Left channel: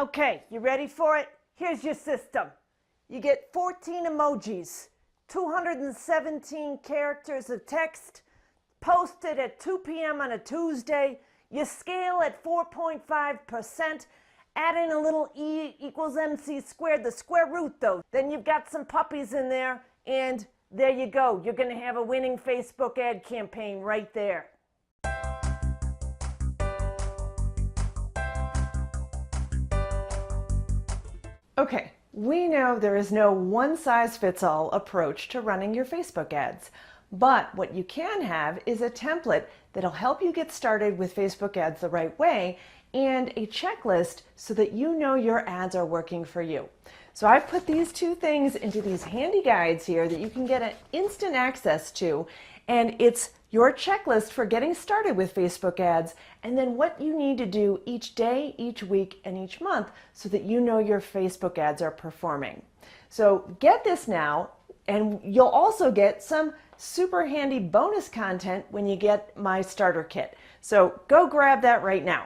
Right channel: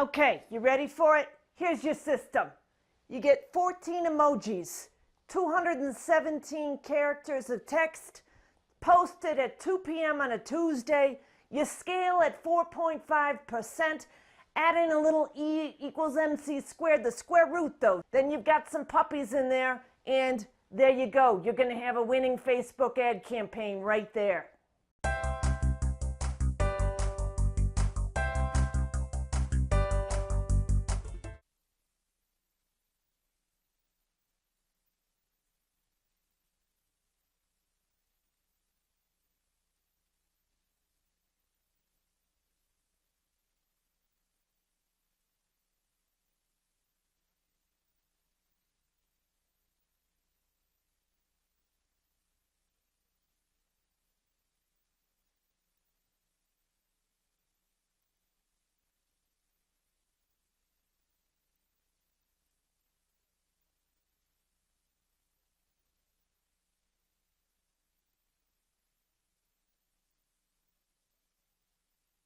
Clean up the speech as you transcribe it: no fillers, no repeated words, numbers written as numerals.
Okay, you ready for it? Here's your system. You get 14 emojis, 217 characters of text, posted at 2 p.m. on a Tuesday. You scale at 4.5%, add in a little e equals mc squared, the square root though. Then you've got some puppies in there, and there you go. You're going to have a winning Facebook ad campaign right there. Okay, we know there is no one-size-fits-all approach to running your Facebook ads, but what you can have is a template that'll help you get started with Facebook ads the right way and a checklist so that you know your ads are working for you. So I've put these two things into these handy guides here that you can get an instant access to, and it's your checklist for getting started with Facebook ads, and then what you need to do each day, each week, and each month so that you know your Facebook ads are performing. So get this now, and you'll also get some super handy bonus content when you get my starter kit. So go grab that right now.